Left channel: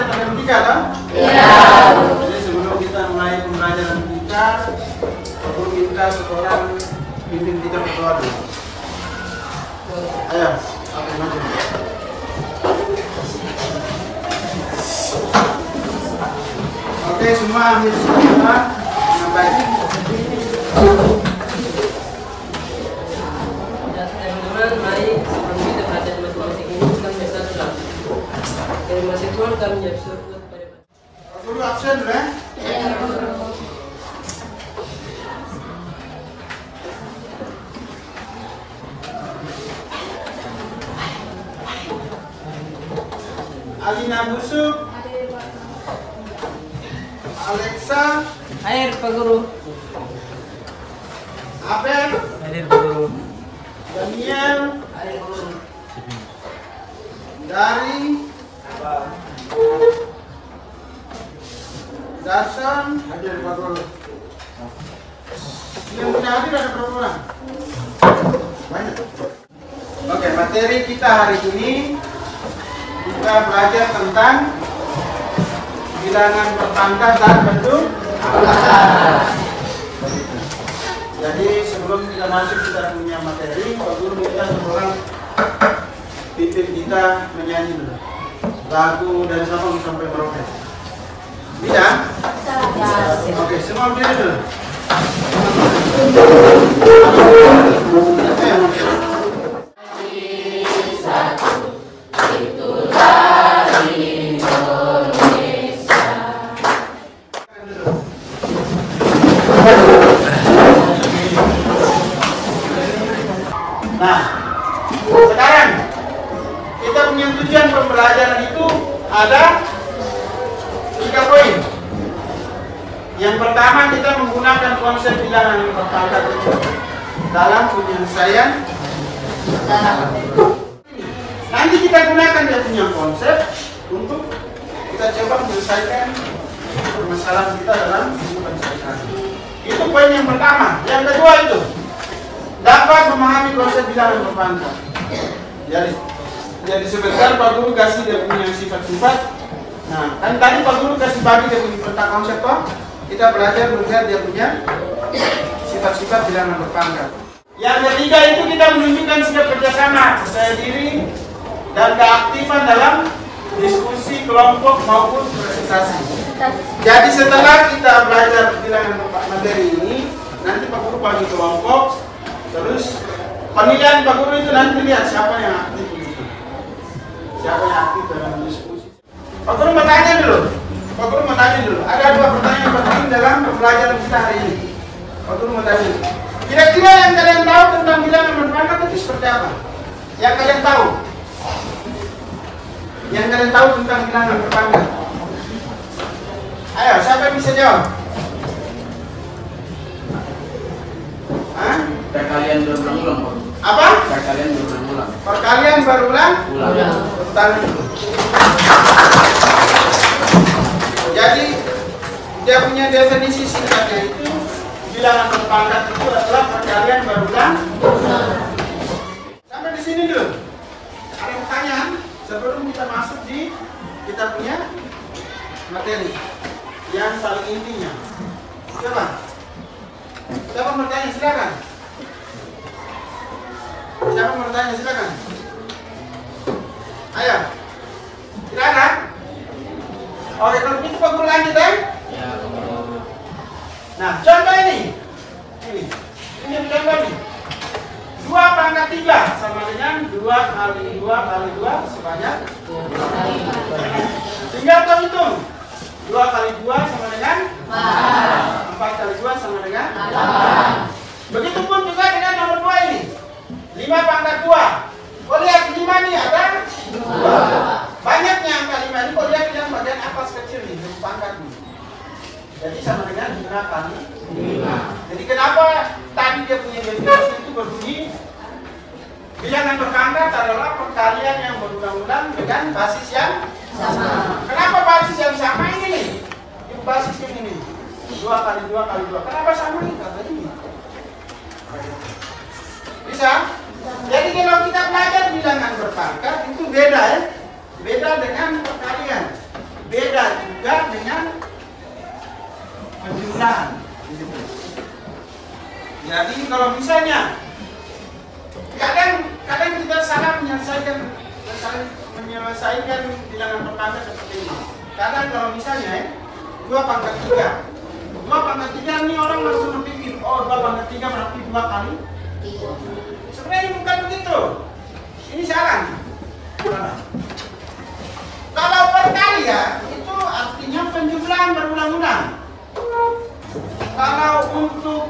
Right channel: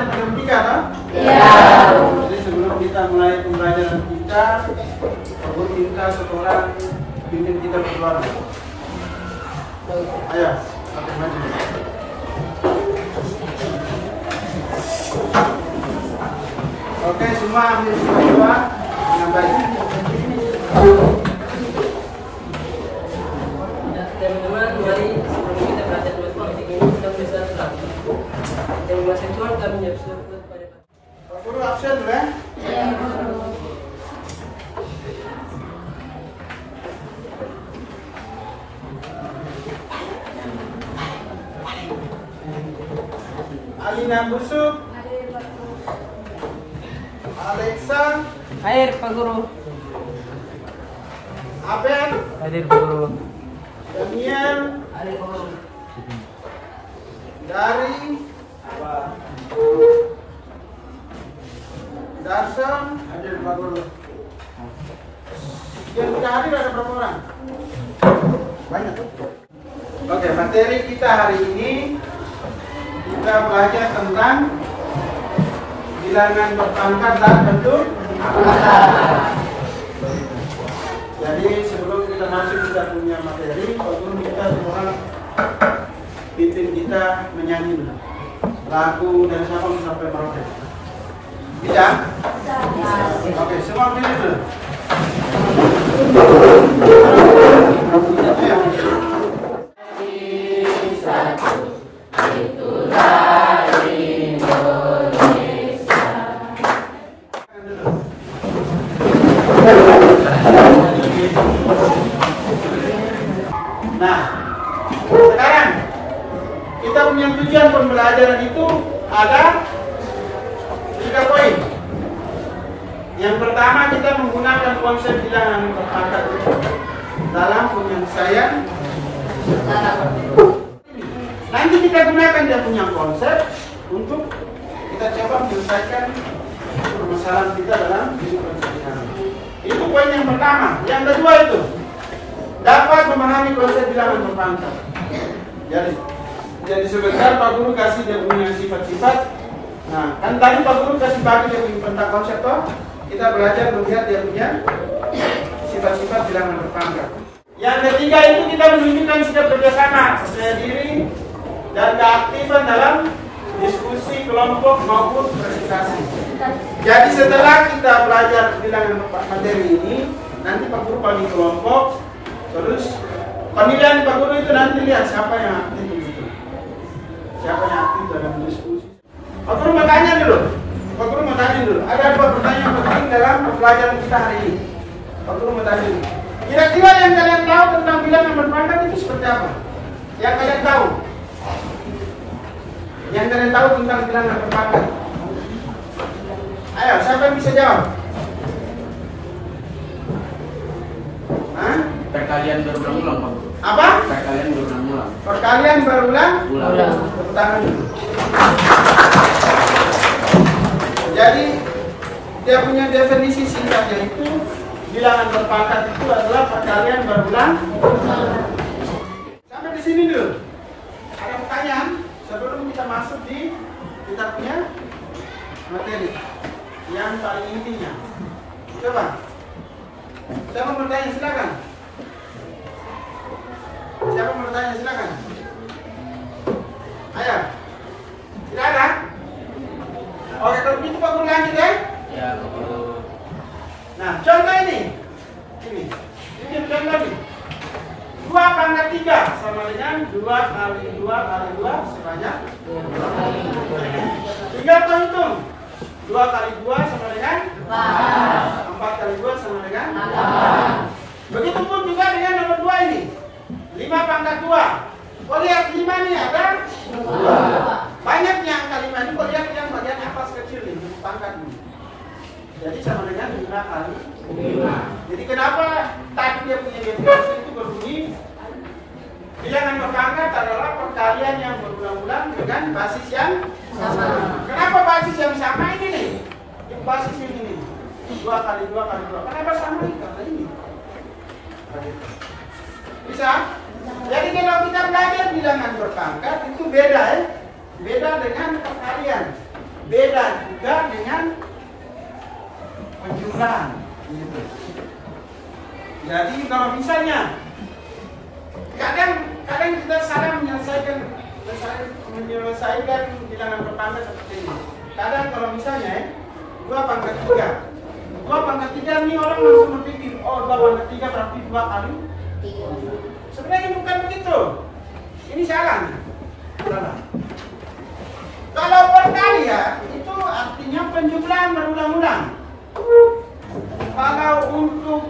belajar matematika kan? Iya. Jadi sebelum kita mulai pembelajaran kita, perlu minta seorang pimpin kita berdoa dulu. Ayo, pakai maju. Oke, semua ambil doa dengan baik. Teman-teman, mari sebelum kita belajar matematik ini kita bersatu dalam. Terima kasih Tuhan kami menjadi syukur kepada Pak Guru absen dulu ya. Iya, Guru. Alina Busuk, Alexa, Air Pak Guru. Abel, Air Pak Guru. Daniel, Air Pak Guru. Dari, Dasam, hadir Pak Guru. Yang tidak hadir ada berapa orang? Banyak. Oke, materi kita hari ini kita belajar tentang bilangan berpangkat dan bentuk angka. Jadi sebelum kita masuk kita punya materi, Pak Guru minta seorang pimpin kita menyanyi dulu lagu dari Sabang sampai Merauke. Bisa? Oke, semua berdiri dulu. Nah, sekarang kita punya tujuan pembelajaran itu ada 3 poin. Yang pertama kita menggunakan konsep bilangan berpangkat itu dalam penyelesaian. Nanti kita gunakan dia punya konsep untuk kita coba menyelesaikan permasalahan kita dalam kehidupan sehari-hari. Itu poin yang pertama. Yang kedua itu dapat memahami konsep bilangan berpangkat. Jadi sebentar Pak Guru kasih dia punya sifat-sifat. Nah, kan tadi Pak Guru kasih bagi dia punya tentang konsep toh. Kita belajar melihat dia punya sifat-sifat bilangan berpangkat. Yang ketiga itu kita menunjukkan sikap kerjasama, percaya diri, dan keaktifan dalam diskusi kelompok maupun presentasi. Jadi setelah kita belajar bilangan materi ini, nanti Pak Guru bagi kelompok, terus penilaian Pak Guru itu nanti lihat siapa yang aktif itu, siapa yang aktif dalam diskusi. Pak Guru mau tanya dulu. Ada 2 pertanyaan penting dalam pembelajaran kita hari ini. Pak Guru mau tanya dulu. Kira-kira yang kalian tahu tentang bilangan berpangkat itu seperti apa? Yang kalian tahu? Yang kalian tahu tentang bilangan berpangkat? Ayo, siapa yang bisa jawab? Hah? Perkalian berulang-ulang. Apa? Perkalian berulang-ulang. Perkalian berulang? Ulang. Tepuk tangan dulu. Jadi dia punya definisi singkatnya itu bilangan berpangkat itu adalah perkalian berulang. Sampai di sini dulu. Ada pertanyaan sebelum kita masuk di kita punya materi yang saling intinya. Coba. Siapa mau bertanya silakan. Siapa mau bertanya silakan. Ayo. Tidak ada? Oke, kalau begitu Pak Guru lanjut ya. Ya. Nah, contoh ini. Ini contoh ini. 2 pangkat 3 sama dengan 2 kali 2 kali 2 sebanyak 2. Tinggal kau hitung. 2 kali 2 sama dengan 4 kali 2 sama dengan 8. Begitupun juga dengan nomor 2 ini. 5 pangkat 2. Kau lihat 5 nih ada 2. Banyaknya angka 5 ini kau lihat yang bagian atas kecil nih, di pangkat ini. Jadi sama dengan 5 kali 5. Jadi kenapa tadi dia punya definisi itu berbunyi bilangan berpangkat adalah perkalian yang berulang-ulang dengan basis yang sama. Kenapa basis yang sama ini nih? Ini basisnya ini. 2 kali 2 kali 2. Kenapa sama ini? Karena ini. Bisa? Jadi kalau kita belajar bilangan berpangkat itu beda ya. Beda dengan perkalian. beda juga dengan penjumlahan. Jadi kalau misalnya kadang kita salah menyelesaikan bilangan berpangkat seperti ini. Kadang kalau misalnya 2 pangkat 3. 2 pangkat 3 ini orang langsung berpikir, oh 2 pangkat 3 berarti 2 kali. Sebenarnya bukan begitu. Ini salah. Kalau perkalian itu artinya penjumlahan berulang-ulang. Kalau untuk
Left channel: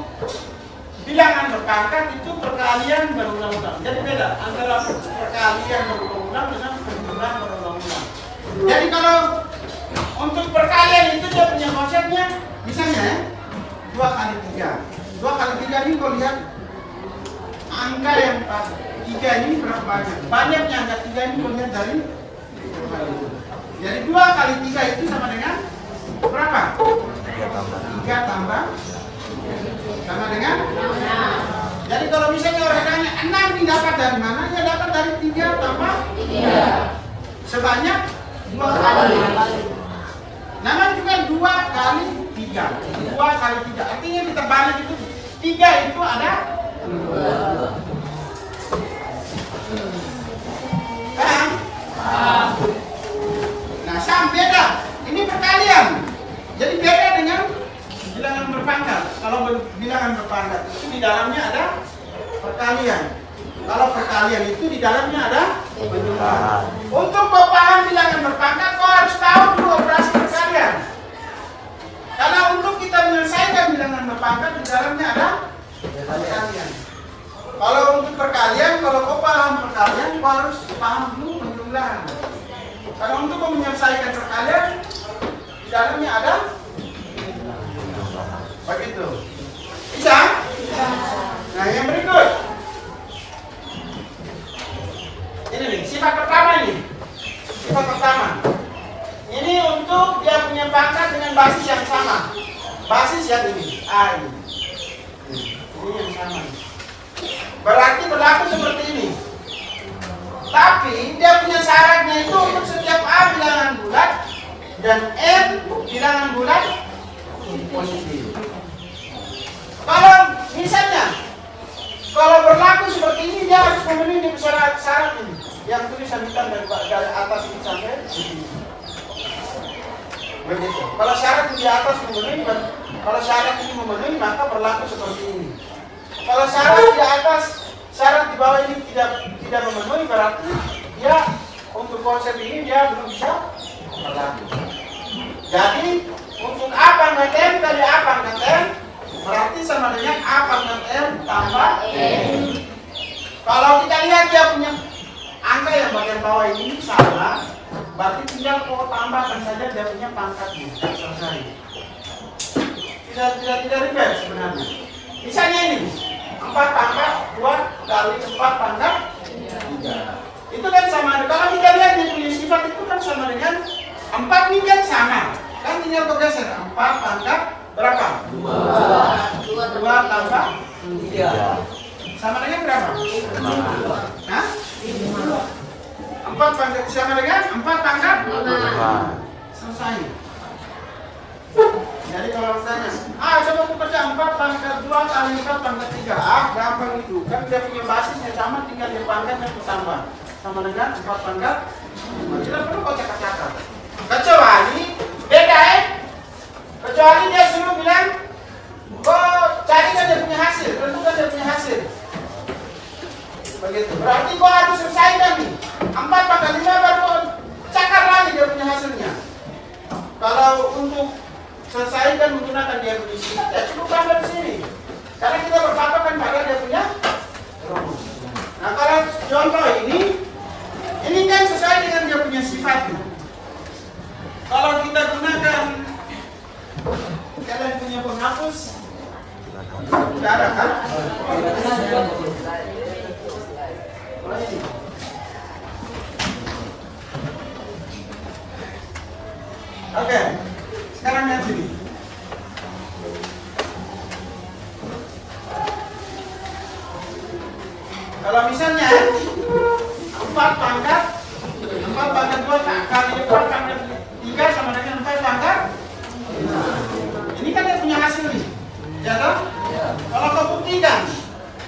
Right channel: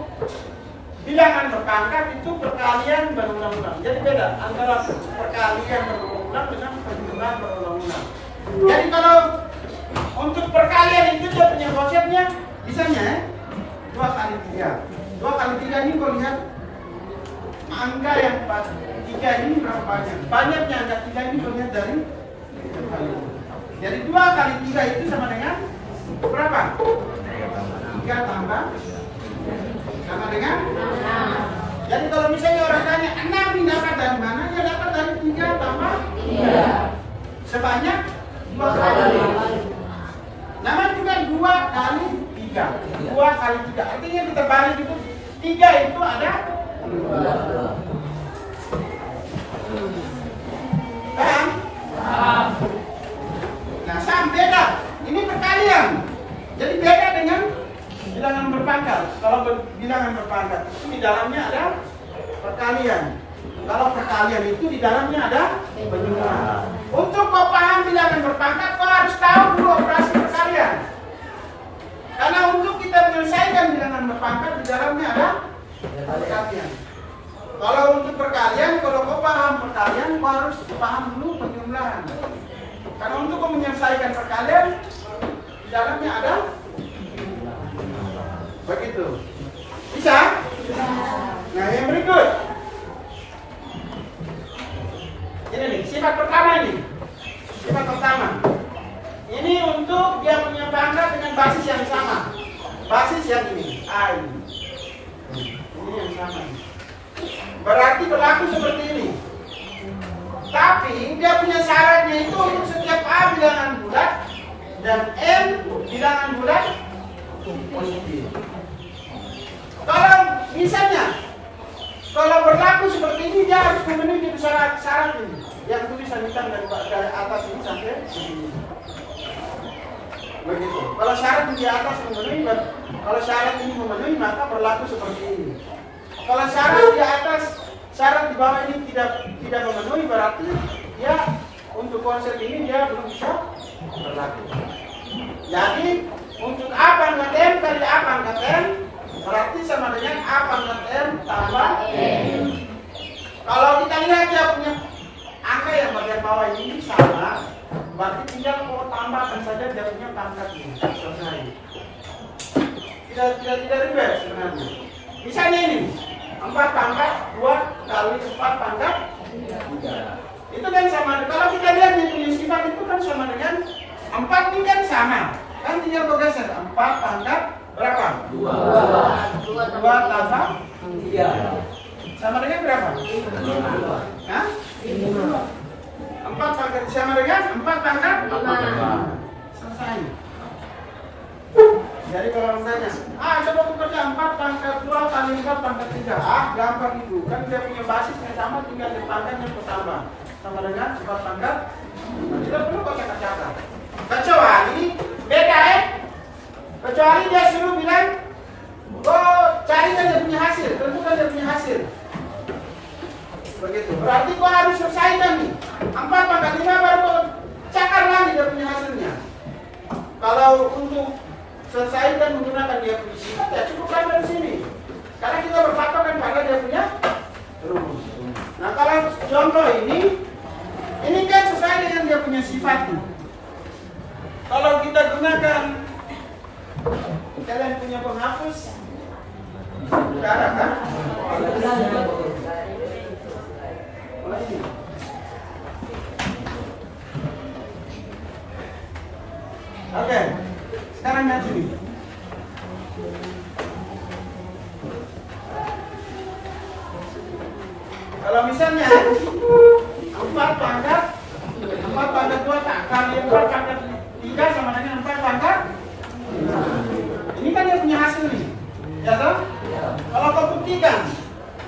bilangan berpangkat itu perkalian berulang-ulang. Jadi beda antara perkalian berulang-ulang dengan penjumlahan berulang-ulang. Jadi kalau untuk perkalian itu dia punya konsepnya, misalnya 2 kali 3. 2 kali 3 ini kau lihat angka yang 3 ini berapa banyak? Banyaknya angka 3 ini kau lihat dari jadi 2 kali 3 itu sama dengan berapa? 3 tambah sama dengan 6. Jadi kalau misalnya orang tanya 6 didapat dari mana? Ya dapat dari 3 tambah 3 sebanyak 2 kali. Namanya juga 2 kali 3. 2 kali 3 artinya kita balik itu 3 itu ada 2. Paham? Nah, sama beda. Ini perkalian. Jadi beda dengan bilangan berpangkat. Kalau bilangan berpangkat itu di dalamnya ada perkalian. Kalau perkalian itu di dalamnya ada penjumlahan. Untuk kau paham bilangan berpangkat, kau harus tahu dulu operasi perkalian. Karena untuk kita menyelesaikan bilangan berpangkat di dalamnya ada perkalian. Kalau untuk perkalian, kalau kau paham perkalian, kau harus paham dulu penjumlahan. Kalau untuk menyelesaikan perkalian, di dalamnya ada begitu. Bisa? Nah, yang berikut. Ini nih, sifat pertama ini. Sifat pertama. Ini untuk dia punya pangkat dengan basis yang sama. Basis yang ini, A ini. Ini yang sama. Berarti berlaku seperti ini. Tapi dia punya syaratnya itu untuk setiap A bilangan bulat dan M bilangan bulat positif. Kalau misalnya kalau berlaku seperti ini dia harus memenuhi syarat ini yang tulisan hitam dari atas ini sampai sini. Begitu. Kalau syarat di atas memenuhi, kalau syarat ini memenuhi maka berlaku seperti ini. Kalau syarat di atas, syarat di bawah ini tidak memenuhi berarti dia untuk konsep ini dia belum bisa berlaku. Jadi untuk A pangkat M kali A pangkat M berarti sama dengan A pangkat M tambah M. Kalau kita lihat dia punya angka yang bagian bawah ini sama, berarti tinggal kau tambahkan saja dia punya pangkatnya. Selesai. Tidak ribet sebenarnya. Misalnya ini 4 pangkat 2 kali 4 pangkat 3. Itu kan sama. Kalau kita lihat yang punya sifat itu kan sama dengan 4 ini kan sama. Kan tinggal kau geser 4 pangkat berapa? 2 tambah 3 sama dengan berapa? 5. Hah? 4 pangkat sama dengan 4 pangkat 5. Selesai. Jadi kalau misalnya, coba aku kerja 4 pangkat 2 kali 4 pangkat 3. Gampang itu. Kan dia punya basisnya sama, tinggal di pangkatnya aku tambah. Sama dengan 4 pangkat 5. Tidak perlu kau cakap-cakap. Kecuali beda kecuali dia suruh bilang, cari kan dia punya hasil, tentukan dia punya hasil. Begitu. Berarti kau harus selesaikan nih. 4 pangkat 5 baru cakar lagi dia punya hasilnya. Kalau untuk selesaikan menggunakan dia punya sifat, ya cukup tambah di sini. Karena kita berpatokan pada dia punya rumus. Nah kalau contoh ini kan sesuai dengan dia punya sifatnya. Kalau kita gunakan, kalian punya penghapus darah kan? Oke, sekarang lihat sini. Kalau misalnya 4 pangkat 2 kali 4 pangkat 3 sama dengan 4 pangkat 5. Ini kan dia punya hasil nih, ya toh? Kalau kau buktikan,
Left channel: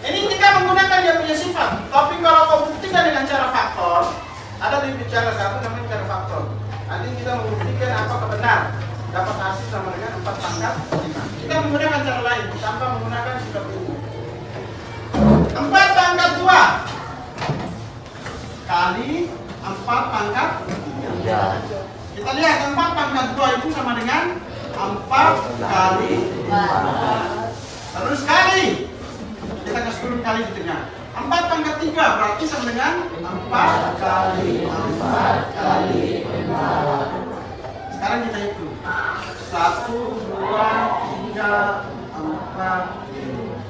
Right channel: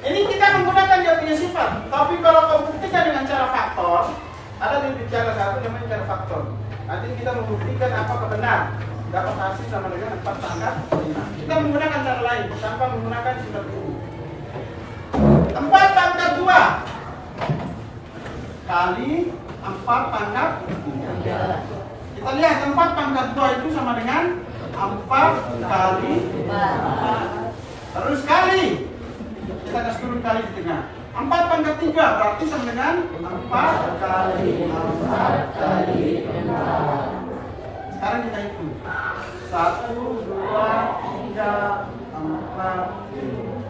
ini kita menggunakan dia punya sifat. Tapi kalau kau buktikan dengan cara faktor, ada di bicara satu namanya cara faktor. Nanti kita membuktikan apakah benar dapat hasil sama dengan 4 pangkat 5. Kita menggunakan cara lain tanpa menggunakan sifat ini. 4 pangkat 2 kali 4 pangkat 3. Kita lihat 4 pangkat 2 itu sama dengan 4 kali 4. Terus kali. Kita kasih turun kali di tengah. 4 pangkat 3 berarti sama dengan 4 kali 4 kali 4. Sekarang kita hitung. 1, 2, 3, 4, 5.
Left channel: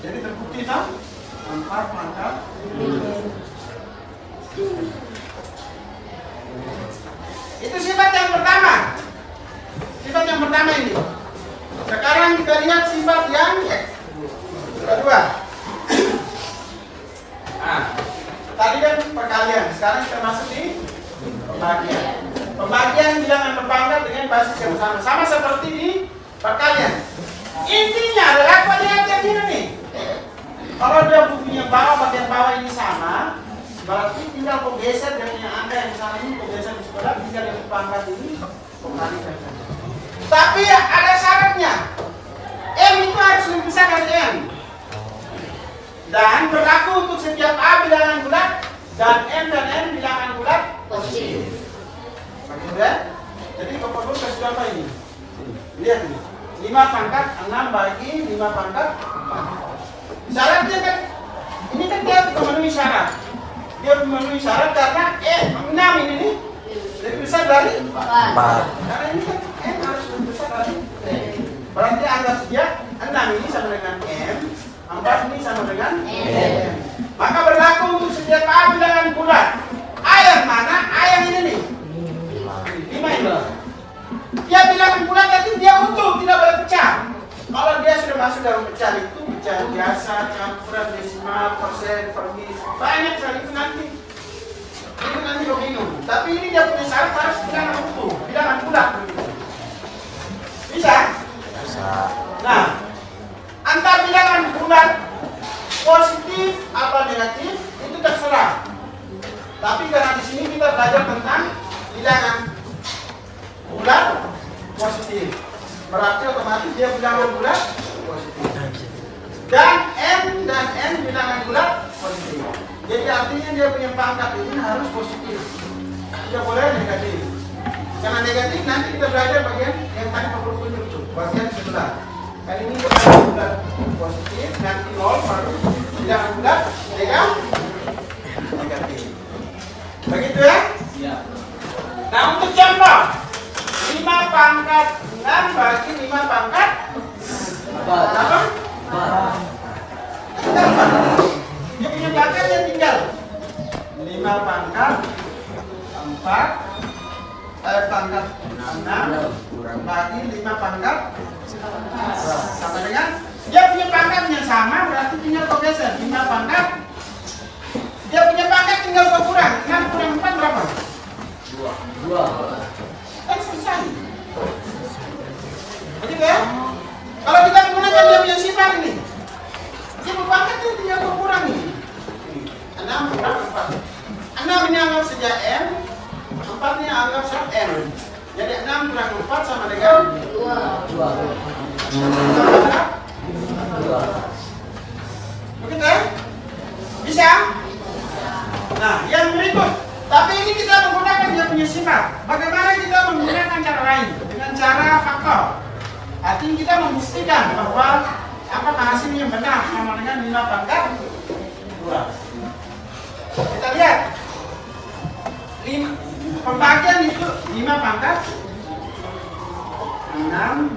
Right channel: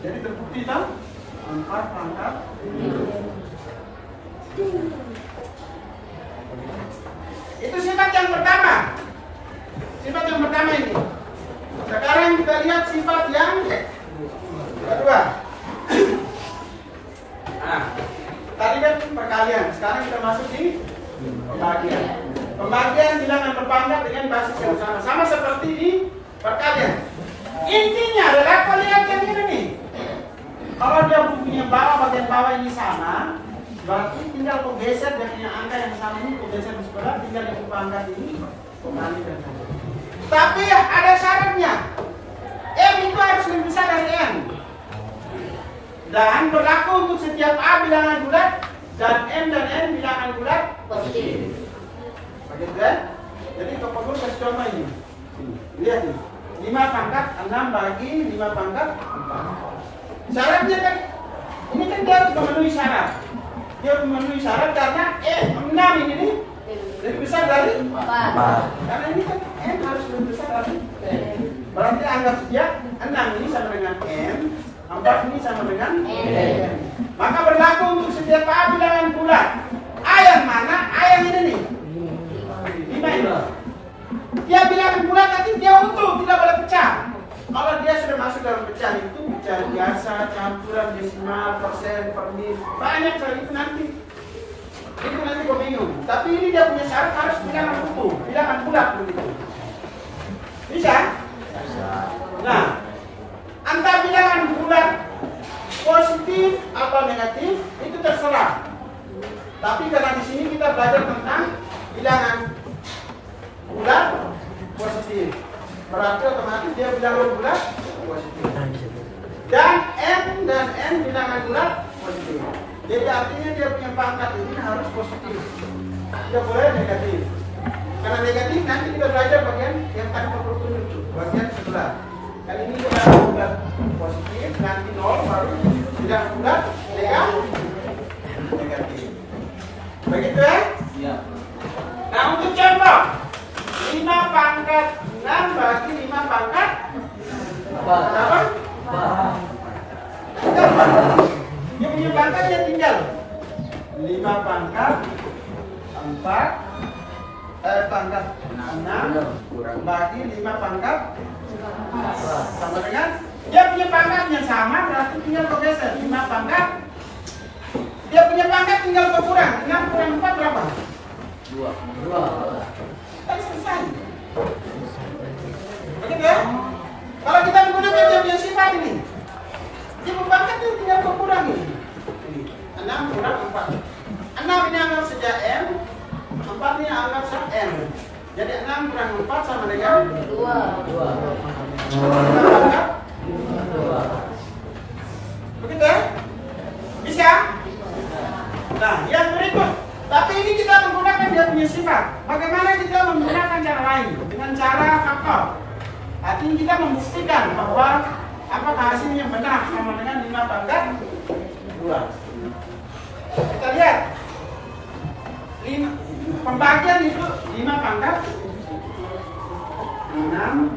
Jadi terbukti tak? 4 pangkat 5. Itu sifat yang pertama. Sifat yang pertama ini. Sekarang kita lihat sifat yang kedua. Nah, tadi kan perkalian. Sekarang kita masuk di pembagian. Pembagian bilangan berpangkat dengan basis yang sama. Sama seperti di perkalian. Intinya adalah kau lihat yang ini nih. Kalau dia punya bagian bawah ini sama, berarti tinggal kau geser dia punya angka yang sama ini, kau geser di sebelah, tinggal yang berpangkat ini kembalikan saja. Tapi ada syaratnya. M itu harus lebih besar dari M. Dan berlaku untuk setiap A bilangan bulat dan M dan N bilangan bulat positif. Begitu ya? Jadi kau perlu kasih contoh ini. Lihat nih. 5 pangkat 6 bagi 5 pangkat 4. Syarat dia kan, ini kan dia memenuhi syarat. Dia memenuhi syarat karena 6 ini nih lebih besar dari 4. Karena ini kan M harus lebih besar dari M. Berarti anggap saja 6 ini sama dengan M, 4 ini sama dengan M. Maka berlaku untuk setiap A bilangan bulat. A yang mana? A yang ini nih. 5 ini. Dia bilangan bulat nanti dia utuh, tidak boleh pecah. Kalau dia sudah masuk dalam pecahan itu, pecahan biasa, campuran, desimal, persen, permis, banyak sekali itu nanti. Itu nanti kau bingung. Tapi ini dia punya syarat harus bilangan utuh, bilangan bulat begitu. Bisa? Bisa. Nah, angka bilangan bulat positif atau negatif itu terserah. Tapi karena di sini kita belajar tentang bilangan bulat positif. Berarti otomatis dia bilangan bulat positif. Dan M dan N bilangan bulat positif. Jadi artinya dia punya pangkat ini harus positif. Tidak boleh negatif. Karena negatif nanti kita belajar bagian yang tadi perlu tunjuk itu, bagian sebelah. Kali ini dia bilangan bulat positif, nanti 0 baru bilangan bulat negatif. Begitu ya? Nah untuk contoh 5 pangkat 6 bagi 5 pangkat berapa? 4. Dia punya pangkatnya tinggal 5 pangkat 4 pangkat 6 bagi 5 pangkat sama dengan dia punya pangkatnya sama, berarti tinggal kau geser 5 pangkat. Dia punya pangkat tinggal kau kurang 6 kurang 4 berapa? 2. Kan selesai. Begitu ya? Kalau kita menggunakan dia punya sifat ini, sifat pangkat itu tinggal berkurang ini. 6 kurang 4. 6 ini anggap saja M, 4 ini anggap saja N. Jadi 6 kurang 4 sama dengan 2. Begitu ya? Bisa? Nah, yang berikut. Tapi ini kita menggunakan dia punya sifat. Bagaimana kita menggunakan cara lain? Dengan cara faktor. Artinya kita membuktikan bahwa apakah hasil yang benar sama dengan 5 pangkat 2. Kita lihat. Pembagian itu 5 pangkat 6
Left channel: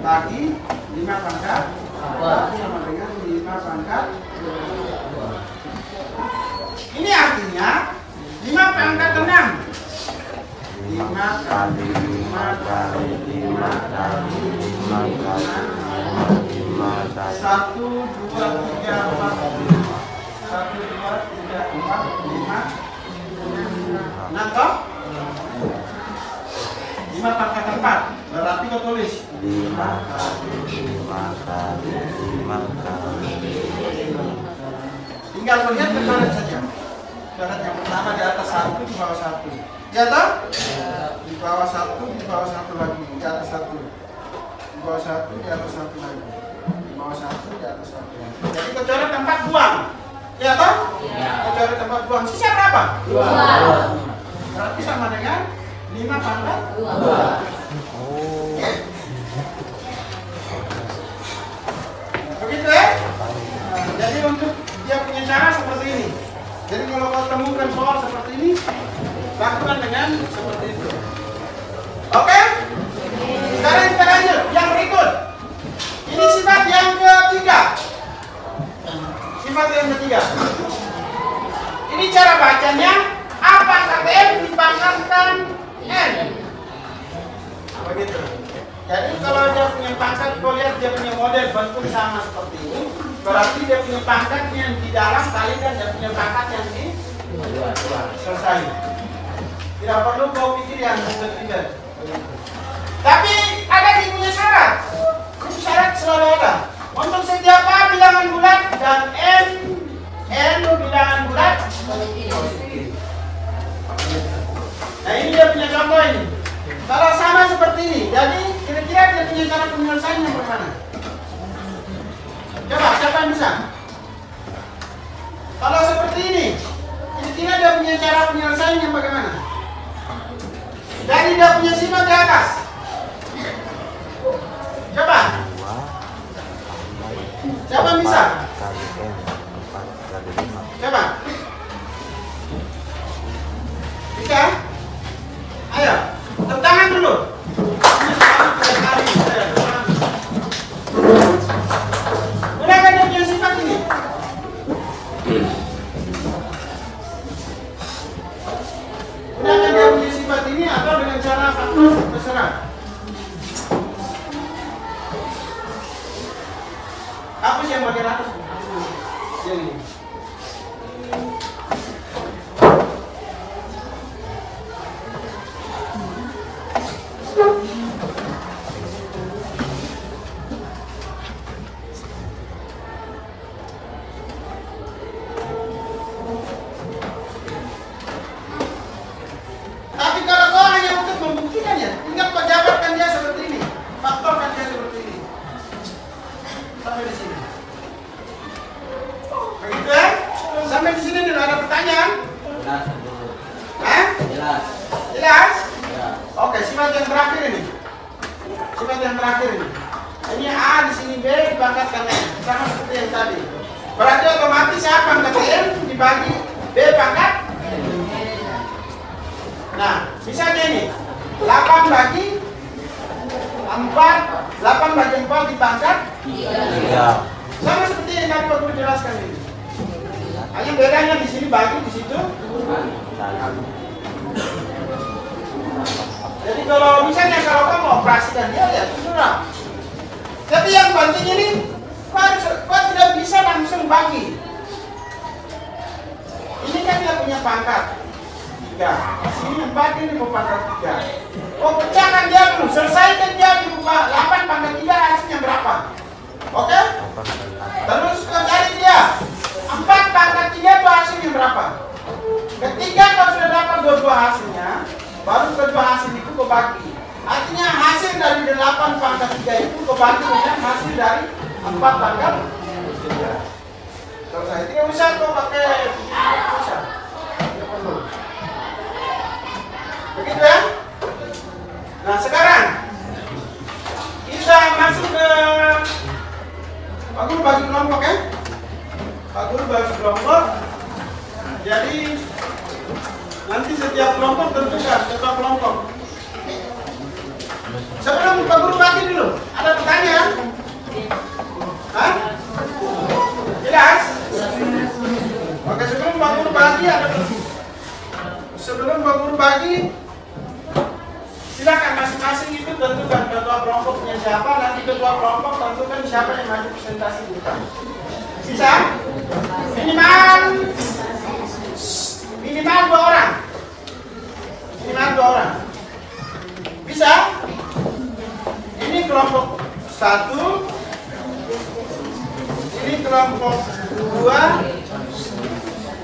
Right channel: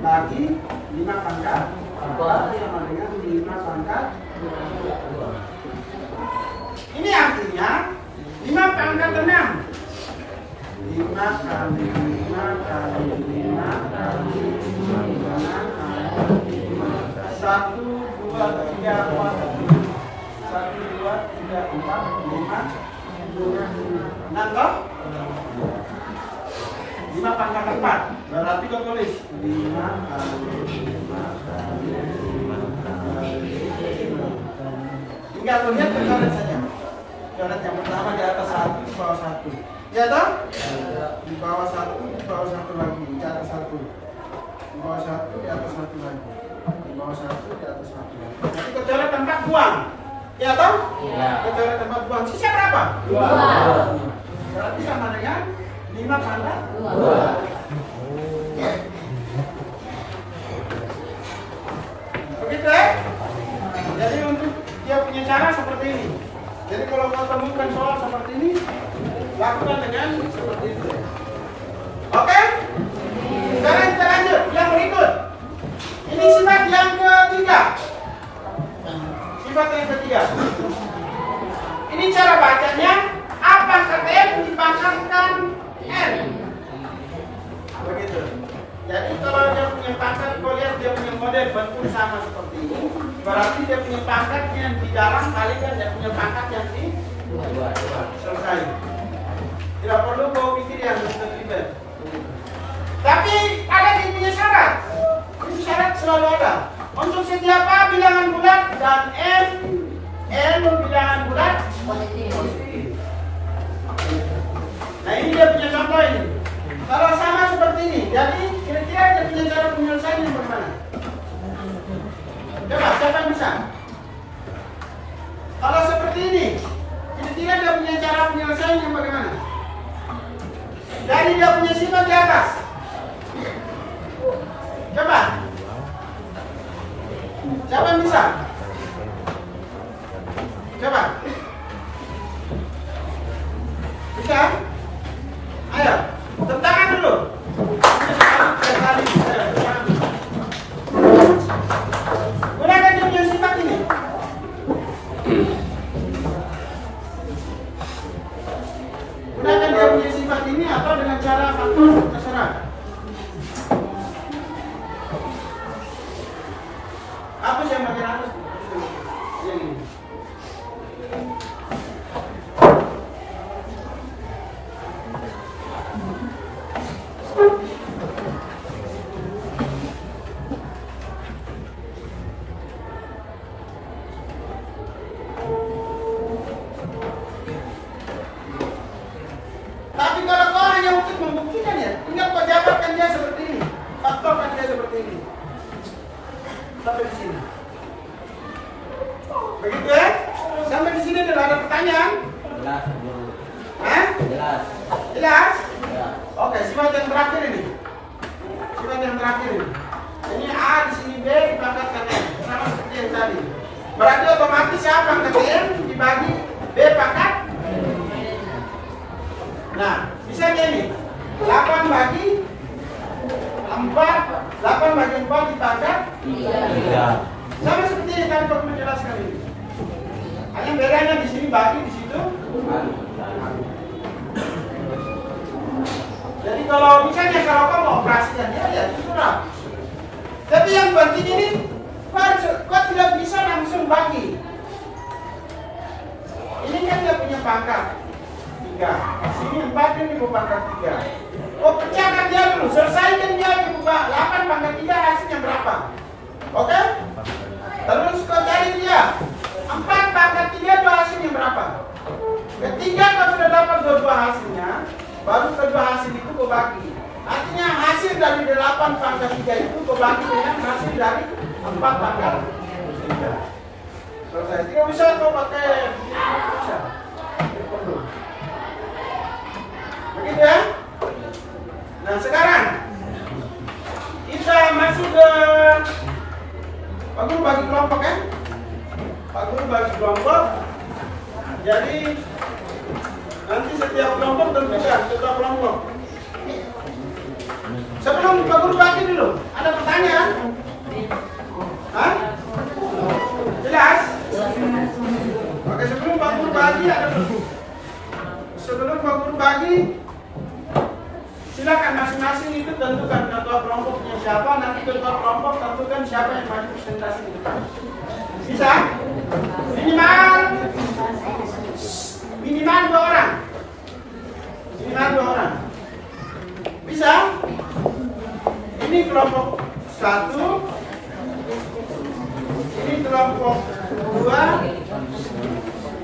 bagi 5 pangkat 2 sama dengan 5 pangkat 2. Ini artinya 5 pangkat 6 5 kali 5 kali 5 kali 5 1, 2, 3, 4 1, 2, 3, 4, 5 6 kok? 5 5 pangkat 4. Berarti kau tulis 5 kali 5 kali 5 kali 5. Tinggal lihat ke coret saja. Coret yang pertama di atas 1, di bawah 1. Ya toh? Di bawah 1, di bawah 1 lagi, di atas 1. Di bawah 1, di atas 1 lagi. Di bawah 1, di atas 1 lagi. Jadi kau coret tempat buang. Ya toh? Iya. Kau coret tempat buang. Sisa berapa? 2. Berarti sama dengan 5 pangkat 2. Begitu ya? Jadi untuk dia punya cara seperti ini. Jadi kalau kau temukan soal seperti ini, lakukan dengan seperti itu. Oke? Sekarang kita lanjut. Yang berikut. Ini sifat yang ketiga. Sifat yang ketiga. Ini cara bacanya. A pangkat N dipangkatkan N. Begitu. Jadi kalau dia punya pangkat, kau lihat dia punya model bentuk sama seperti ini. Berarti dia punya pangkat yang di dalam kalikan dia punya pangkat yang di selesai. Tidak perlu kau pikir yang ribet-ribet. Tapi ada yang punya syarat. Itu syarat selalu ada. Untuk setiap A bilangan bulat dan N bilangan bulat. Nah ini dia punya contoh ini. Kalau sama seperti ini, jadi kira-kira dia punya cara penyelesaiannya bagaimana? Coba, siapa yang bisa? Kalau seperti ini, kira-kira dia punya cara penyelesaiannya bagaimana? Jadi dia punya sifat di atas. Coba. Siapa yang bisa? Coba. Bisa? Ayo, tepuk tangan dulu. Gunakan dia punya sifat ini. Gunakan dia punya sifat ini atau dengan cara faktor terserah. Apa sih yang bagian atas? Ini. Tapi kalau kau hanya untuk membuktikan ya, tinggal kau jabarkan dia seperti ini, faktorkan dia seperti ini. Sampai di sini. Begitu ya? Sampai di sini dulu ada pertanyaan? Jelas. Hah? Jelas. Jelas? Ya. Oke, sifat yang terakhir ini. Sifat yang terakhir ini. Ini A di sini B dipangkatkan N, sama seperti yang tadi. Berarti otomatis A pangkat N dibagi B pangkat. Nah, bisa ini 8 bagi 4, 8 bagi 4 dipangkat 3. sama seperti yang tadi aku jelaskan ini. Hanya bedanya di sini bagi, di situ. Jadi kalau misalnya kalau kamu operasikan dia ya kurang. Tapi yang penting ini kau tidak bisa langsung bagi. Ini kan dia punya pangkat 3. Sini 4 ini pangkat 3. Oh pecahkan dia dulu, selesaikan dia dulu 8 pangkat 3 hasilnya berapa? Oke? Terus kau cari dia 4 pangkat 3 itu hasilnya berapa? Ketika kau sudah dapat dua hasilnya, baru kedua hasil itu kau bagi. Artinya hasil dari 8 pangkat 3 itu kau bagi dengan hasil dari 4 pangkat 3. Selesai. Tidak bisa kau pakai bisa. Tidak perlu. Begitu ya? Nah sekarang kita masuk ke Pak Guru bagi kelompok ya. Pak Guru bagi kelompok. Jadi nanti setiap kelompok tentukan ketua kelompok. Sebelum Pak Guru bagi dulu, ada pertanyaan? Hah? Jelas? Oke, sebelum Pak Guru bagi sebelum Pak Guru bagi, silakan masing-masing itu tentukan ketua kelompoknya siapa, nanti ketua kelompok tentukan siapa yang maju presentasi di depan. Bisa? Minimal 2 orang. Minimal 2 orang. Bisa? Ini kelompok 1, ini kelompok 2,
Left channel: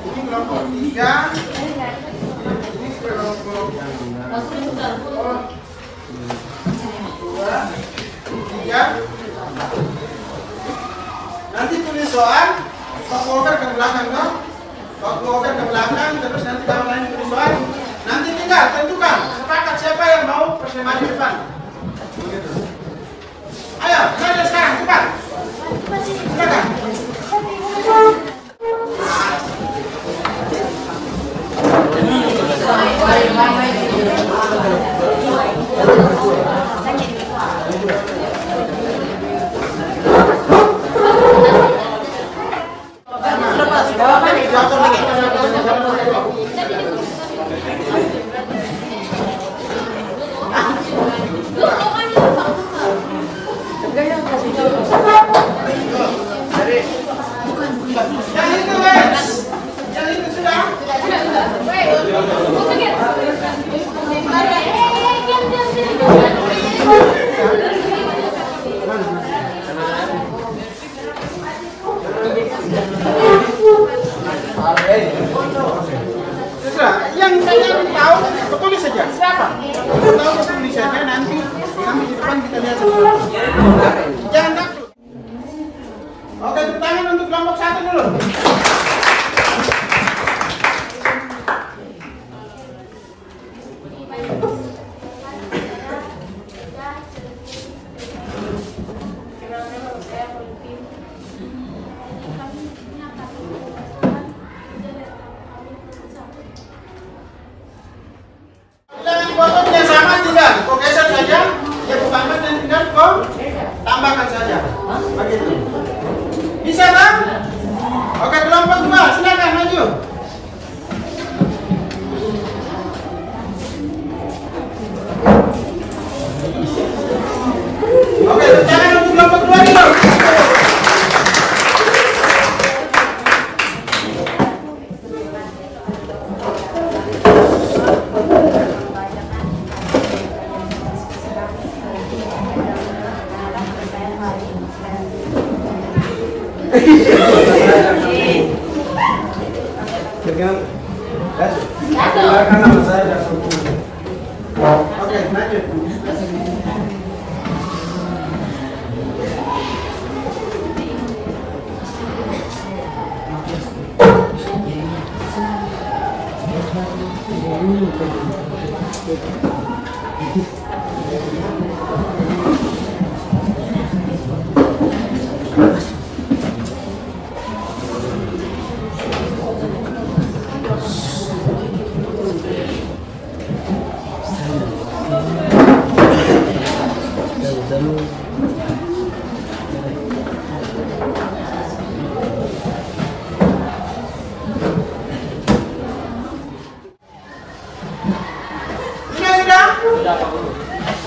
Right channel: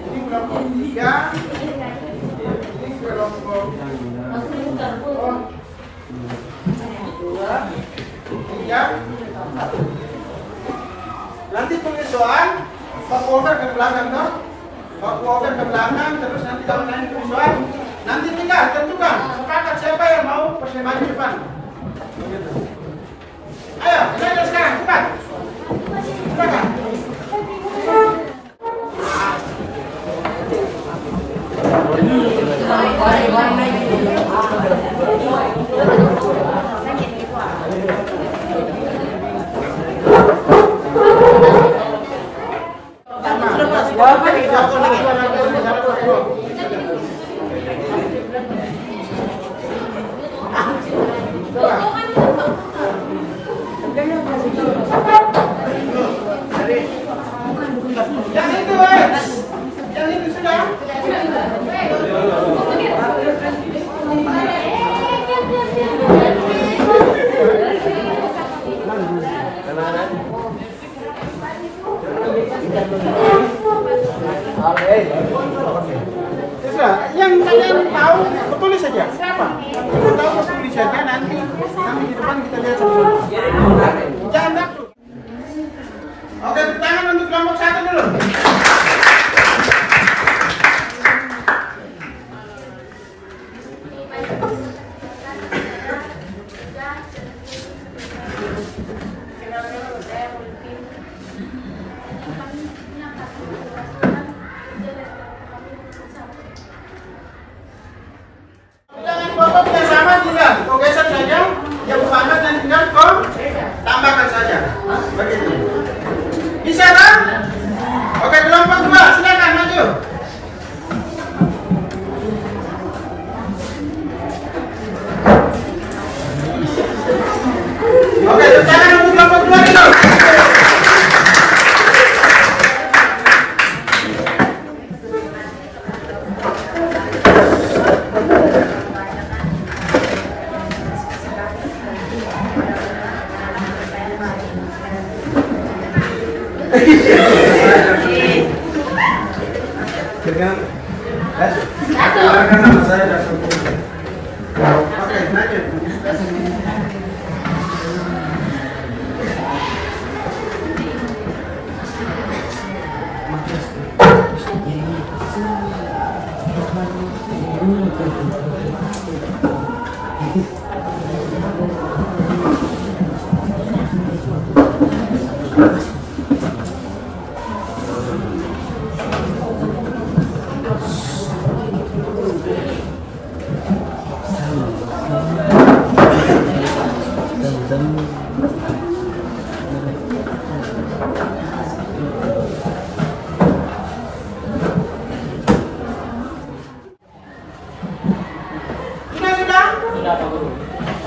ini kelompok 3, ini kelompok 2, 3. Nanti tulis soal, baku over ke belakang dong. Baku over ke belakang, terus nanti kalau kalian tulis soal, nanti tinggal tentukan sepakat siapa yang mau maju depan. Ayo, kita sekarang cepat. Silakan. Yang itu sudah. Sudah, yang tahu tulis saja. Siapa? Tahu tulis saja nanti di depan kita lihat sebelum. Jangan takut. Oke, tepuk tangan untuk kelompok 1 dulu. Fotonya sama tinggal kau geser saja, yang utama dan tinggal kau tambahkan saja. Begitu. Bisa kan? Oke, kelompok 2 silakan maju. Oke, tangan untuk kelompok 2 dulu. Oke, lanjut.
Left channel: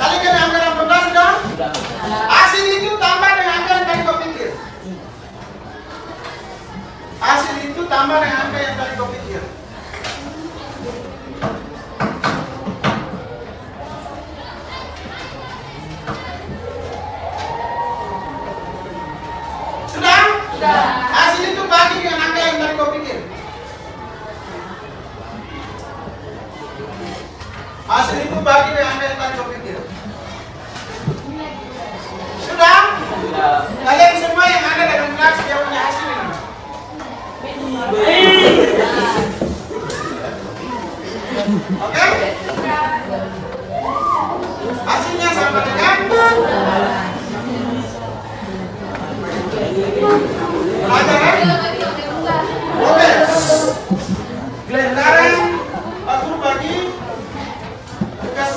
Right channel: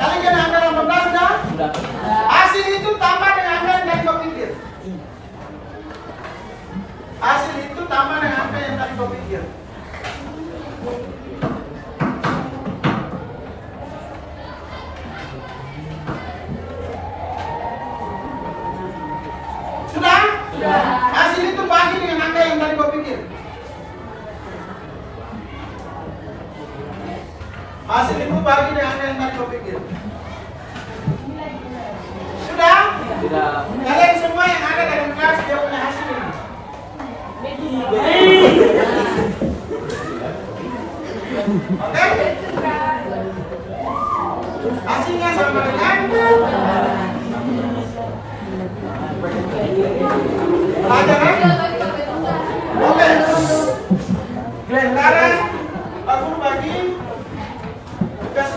Kalikan angka 18 sudah? Hasil itu tambah dengan angka yang tadi kau pikir. Hasil itu tambah dengan angka yang tadi kau pikir. Sudah? Sudah. Hasil itu bagi dengan angka yang tadi kau pikir. Hasil itu bagi dengan angka yang tadi kau pikir. Sudah? Sudah. Kalian semua yang ada dalam kelas dia punya hasil ini. Oke? Hasilnya sama dengan pelajaran. Oke. Sekarang aku bagi tugas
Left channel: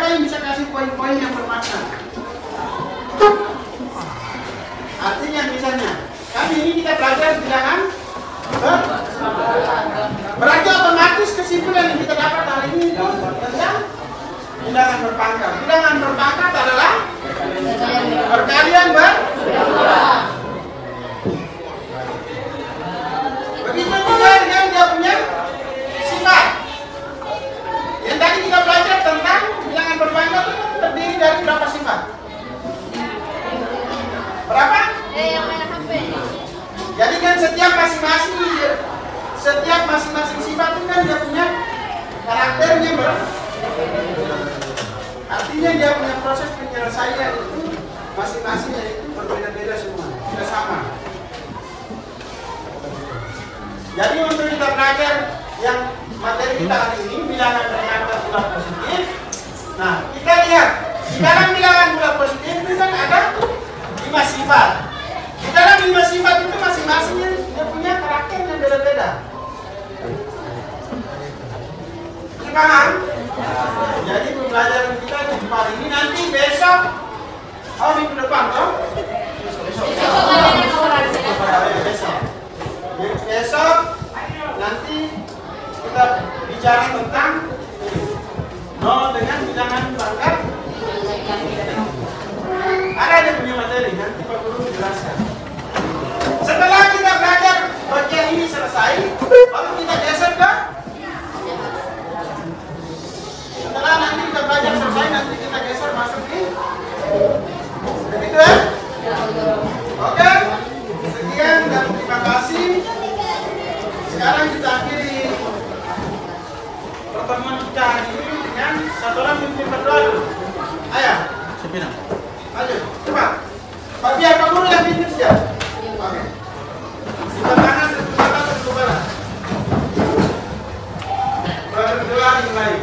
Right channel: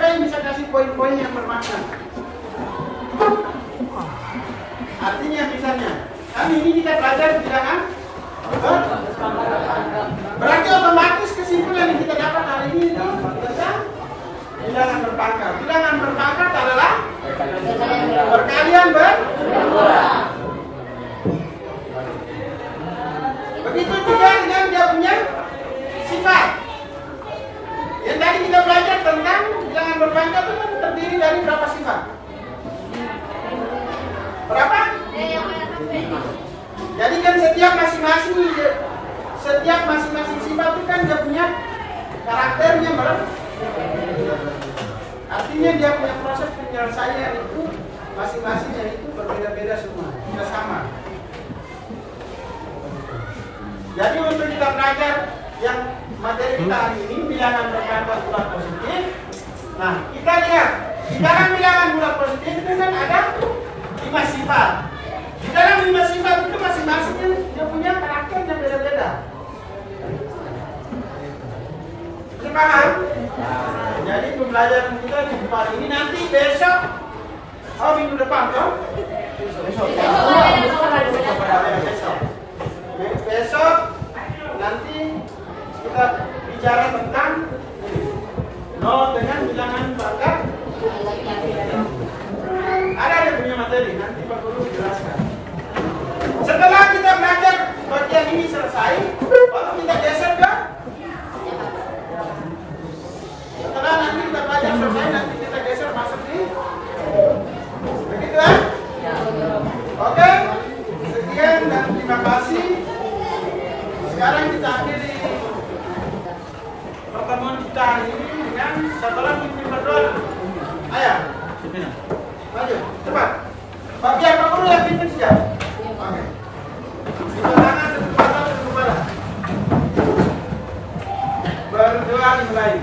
siapa yang bisa kasih poin-poin yang bermakna? Artinya misalnya, kami ini kita belajar bilangan berarti otomatis kesimpulan yang kita dapat hari ini tentang bilangan berpangkat. Bilangan berpangkat adalah perkalian begitu juga dengan dia punya sifat. Yang tadi kita belajar tentang bilangan berpangkat itu terdiri dari berapa sifat? Berapa? Jadi kan setiap masing-masing sifat itu kan dia punya karakternya artinya dia punya proses penyelesaian itu masing-masingnya itu berbeda-beda semua, tidak sama. Jadi untuk kita belajar yang materi kita hari ini bilangan berpangkat bulat positif. Nah, kita lihat di dalam bilangan bulat positif itu kan ada 5 sifat. Di dalam 5 sifat itu masing-masingnya dia punya karakter yang beda-beda. Bisa paham? Jadi pembelajaran kita di hari ini nanti besok, minggu depan toh? Besok nanti kita bicara tentang nol dengan bilangan pangkat. Ada yang punya materi, nanti Pak Guru jelaskan. Setelah kita belajar bagian ini selesai, baru kita geser ke. Setelah nanti kita belajar selesai, nanti kita geser masuk di. Begitu ya? Oke, sekian dan terima kasih. Sekarang kita akhiri pertemuan kita hari ini dengan satu orang yang berdoa. Ayo. Maju, cepat. Pak biar Pak Guru yang bikin siap. Oke. Kita tangan ke barat. Berdoa mulai.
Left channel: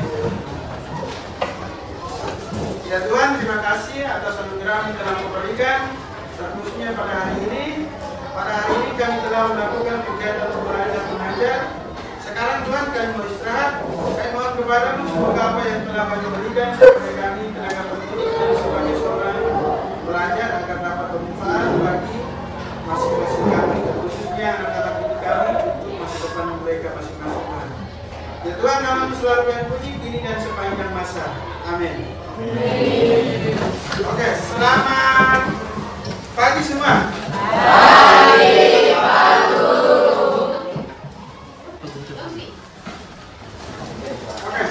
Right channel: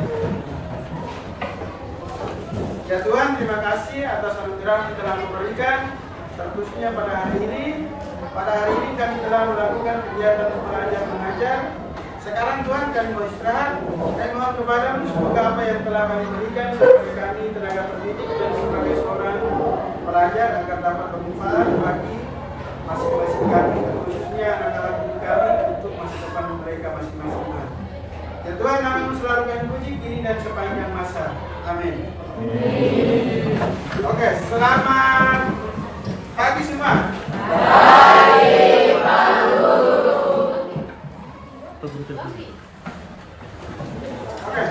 Ya Tuhan, terima kasih atas anugerah yang telah memberikan, terkhususnya pada hari ini. Pada hari ini kami telah melakukan kegiatan belajar mengajar. Sekarang Tuhan kami mau istirahat. Kami mohon kepadamu semoga apa yang telah kami berikan sebagai kami tenaga pendidik dan sebagai seorang pelajar akan dapat bermanfaat bagi masing-masing kami, khususnya anak-anak didik kami untuk masa depan mereka masing-masing. Ya Tuhan, namamu selalu kami puji kini dan sepanjang masa. Amin. Oke, selamat pagi semua. Oke.